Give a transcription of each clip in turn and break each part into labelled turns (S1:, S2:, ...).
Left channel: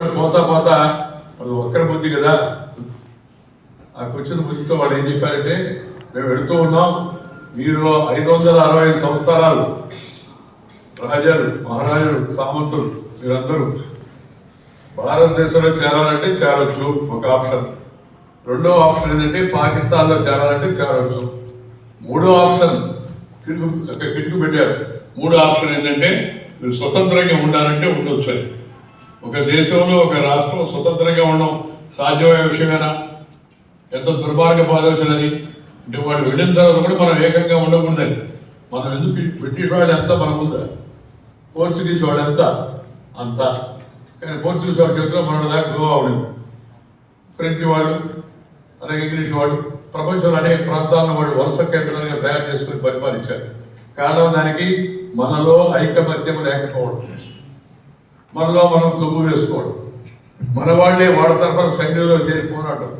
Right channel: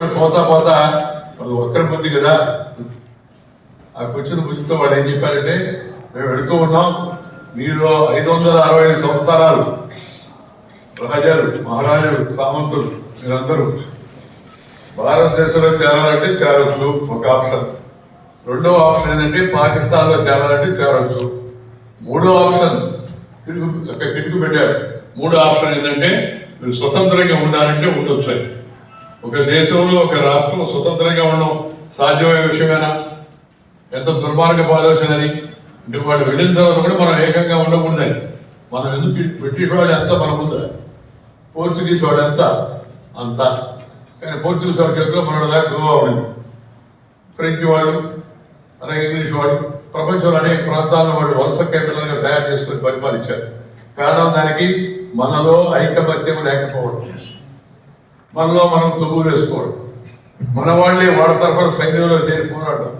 S1: పోతా పోతా అది ఒక్కరి బుద్ధి కదా. ఆ కూర్చుని బుద్ధితో వాళ్ళు ఏం చెప్పారంటే మేము వెళుతూ ఉన్నాం. మీరు ఐదు వందల అరవై ఐదు సంవత్సరాలు రాజాలు మహారాజులు సామంతులు మీరందరూ భారతదేశంలో చేరాలంటే చేరొచ్చు. ఒక ఆప్షన్. రెండో ఆప్షన్ ఏంటంటే పాకిస్తాన్లో చేరాలంటే చేరొచ్చు. మూడో ఆప్షన్ కిటుకు కిటుకు పెట్టారు. మూడో ఆప్షన్ ఏంటంటే మీరు స్వతంత్రంగా ఉండాలంటే ఉండొచ్చు అని. ఒక దేశంలో ఒక రాష్ట్రం స్వతంత్రంగా ఉండడం సాధ్యమయ్యే విషయమేనా? ఎంత దుర్మార్గపు ఆలోచన అది? అంటే వాళ్ళు వెళ్ళిన తర్వాత కూడా మనం ఏకంగా ఉండకూడదని మనం ఎందుకు బ్రిటిష్ వాళ్ళు ఎంత మన ముందా పోర్చుగీస్ వాళ్ళు ఎంత? అంత. కానీ పోర్చుగీస్ వాళ్ళ చేతిలో మన దాకా గోవా ఉండింది. ఫ్రెంచ్ వాళ్ళు అలాగే ఇంగ్లీష్ వాళ్ళు ప్రపంచంలో అనేక ప్రాంతాలను వాళ్ళు వలస కేంద్రాలుగా తయారు చేసుకుని పరిపాలించారు. కారణం దానికి మనలో ఐకమత్యం లేకపోవడం. మనలో మనం తుమ్ము వేసుకోవడం. మన వాళ్ళే వాళ్ళ తరఫున సైన్యంలో చేరికోరాడం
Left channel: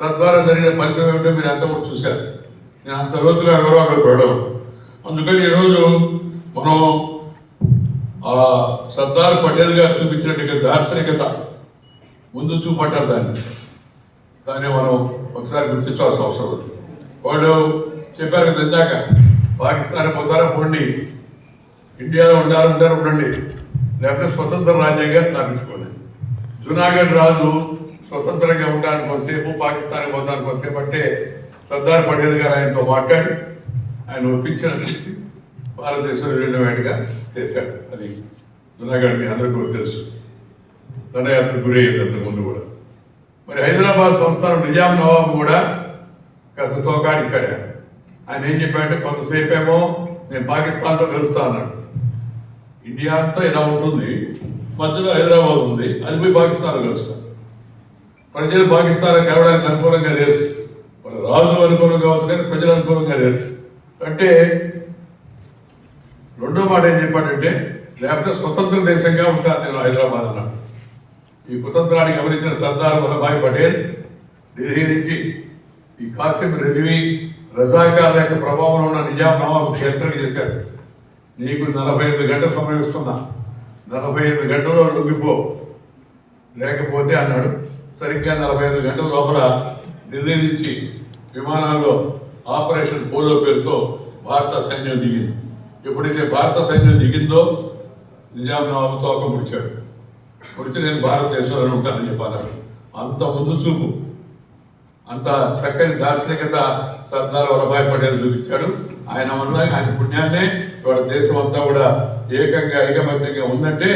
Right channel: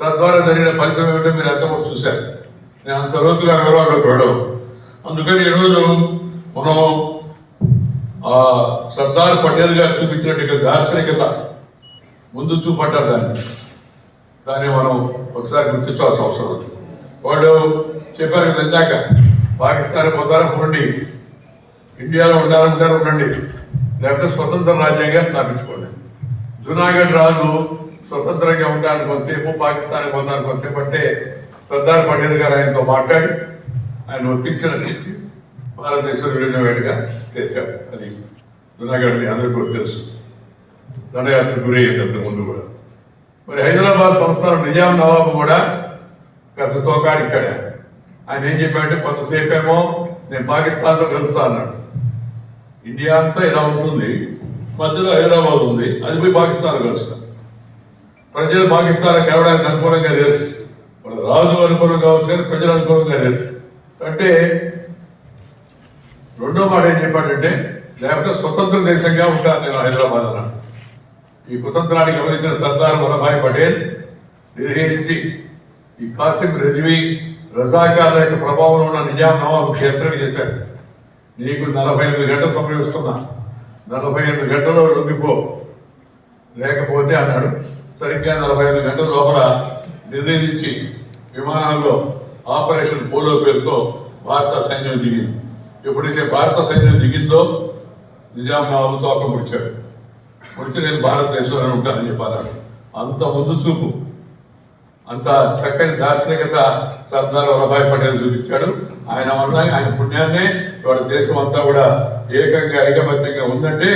S1: తద్వారా జరిగిన ఫలితం ఏమిటో మీరు అంతా చూశారు. నేను అంత రోజులు ఎవరో అక్కడ పెట్టడం అందుకని ఈరోజు మనం ఆ సర్దార్ పటేల్ గారు చూపించినట్టు దార్శనికత ముందు చూపడ్డారు దాన్ని. దాన్ని మనం ఒకసారి గుర్తించాల్సిన అవసరం ఉంది. వాళ్ళు చెప్పారు కదా ఇందాక పాకిస్తాన్ పోతారా పోండి. ఇండియాలో ఉండాలంటారు ఉండండి. లేకపోతే స్వతంత్ర రాజ్యంగా స్థాపించుకోండి జునాగఢ్ రాజు స్వతంత్రంగా ఉండడానికి కొంతసేపు పాకిస్తాన్ పొందడానికి కొంతసేపు అంటే సర్దార్ పటేల్ గారు ఆయనతో మాట్లాడి ఆయన ఒప్పించిన దృష్టి భారతదేశంలో వెళ్ళినట్టుగా చేశారు. అది జునాగఢ్ని అందరికీ కూడా తెలుసు. దండయాత్ర గురయ్యింది అంత ముందు కూడా. మరి హైదరాబాద్ సంస్థానం నిజాం నవాబు కూడా కాస్త తోకాడిచ్చాడు ఆయన. ఆయన ఏం చెప్పాడంటే కొంతసేపేమో నేను పాకిస్తాన్లో కలుస్తా అన్నాడు. ఇండియా అంతా ఇలా ఉంటుంది మధ్యలో హైదరాబాద్ ఉంది అది పోయి పాకిస్తాన్ కలుస్తాను ప్రజలు పాకిస్తాన్ కలవడానికి అనుకూలంగా లేదు. రాజు అనుకూలం కావచ్చు కానీ ప్రజలు అనుకూలంగా లేదు. అంటే రెండో మాట ఏం చెప్పాడంటే లేకపోతే స్వతంత్ర దేశంగా ఉంటాను నేను హైదరాబాద్ అన్నాడు. ఈ కుతంత్రానికి గమనించిన సర్దార్ వల్లభాయ్ పటేల్ నిర్హేరించి ఈ కాసిం రిజ్వీ రజాకార్ల యొక్క ప్రభావం ఉన్న నిజాం నవాబు క్షేత్రం చేశారు నీకు నలభై ఎనిమిది గంటల సమయం ఇస్తున్నా. నలభై ఎనిమిది గంటల్లో లొంగిపో. లేకపోతే అన్నాడు. సరిగ్గా నలభై ఎనిమిది గంటల లోపల నిర్దేశించి విమానాల్లో ఆపరేషన్ పోలో పేరుతో భారత సైన్యం దిగింది. ఎప్పుడైతే భారత సైన్యం దిగిందో నిజాం నవాబు తోక ముడిచాడు. ముడిచి నేను భారతదేశంలో ఉంటానని చెప్పాను అంత ముందు చూపు. అంత చక్కని దార్శనికత సర్దార్ వల్లభాయ్ పటేల్ చూపించాడు. ఆయన వల్ల ఆయన పుణ్యాన్నే ఇవాళ దేశం అంతా కూడా ఏకంగా ఐకమత్యంగా ఉందంటే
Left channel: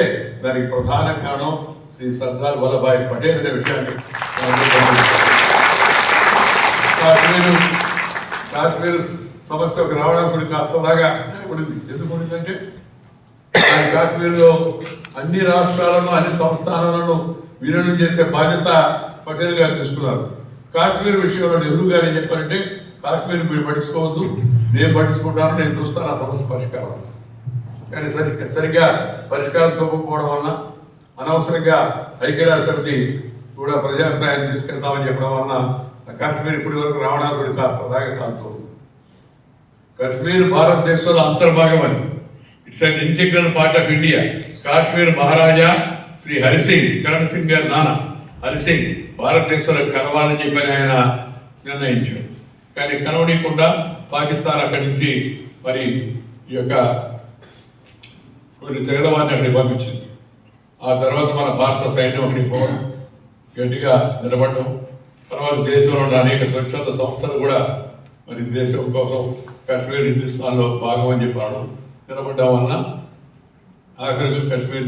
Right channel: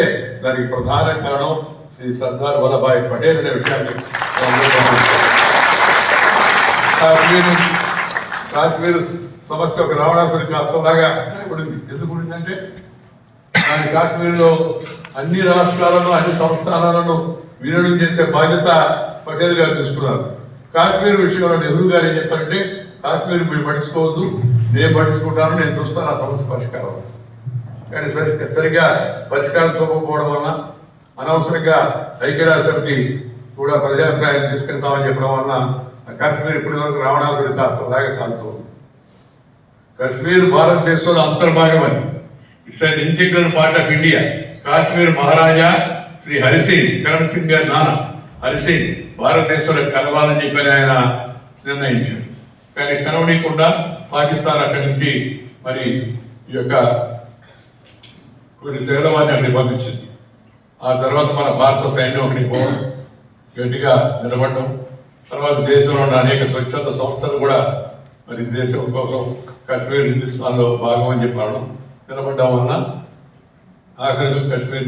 S1: దానికి ప్రధాన కారణం శ్రీ సర్దార్ వల్లభాయ్ పటేల్ అనే విషయాన్ని మనం కాశ్మీరు కాశ్మీర్ సమస్య ఒక రావడానికి అర్థంలాగా ఉండింది. ఎందుకు ఉండిందంటే ఆయన కాశ్మీర్లో అన్ని రాష్ట్రాలను అన్ని సంస్థానాలను విలీనం చేసే బాధ్యత పటేల్ గారు తీసుకున్నారు. కాశ్మీర్ విషయంలో నెహ్రూ గారు ఏం చెప్పారంటే కాశ్మీర్ మీరు పట్టించుకోవద్దు నేను పట్టించుకుంటాను నేను చూస్తాను ఆ సమస్య పరిష్కారం కానీ సరి సరిగా పరిష్కారం చూపకపోవడం వలన అనవసరంగా ఐక్యరాజ్య సమితి కూడా ప్రజాభిప్రాయాన్ని తీసుకెళ్తామని చెప్పడం వలన కాశ్మీర్ ఇప్పటి వరకు రావణాసుడు కాస్త అలాగే కాలుతోంది కాశ్మీర్ భారతదేశంలో అంతర్భాగమని it's an integral part of India. Kashmir Maharaja Shri Harisingh Karan Singh గారి నాన్న. హరిసింగ్ భారతదేశంలో కలవాలని చెప్పని ఆయన నిర్ణయించాడు కానీ కలవనీయకుండా పాకిస్తాన్ అక్కడి నుంచి మరి ఈ యొక్క కొన్ని తెగలవాన్ని అక్కడికి పంపించింది. ఆ తర్వాత మన భారత సైన్యం అక్కడికి పోవడం గట్టిగా నిలబడడం తర్వాత దేశంలో ఉన్న అనేక స్వచ్ఛంద సంస్థలు కూడా మరి దేశం కోసం కాశ్మీర్ హిందుస్థాన్లో భాగం అని చెప్పడం నిలబడడం వల్ల ఆఖరికి కాశ్మీర్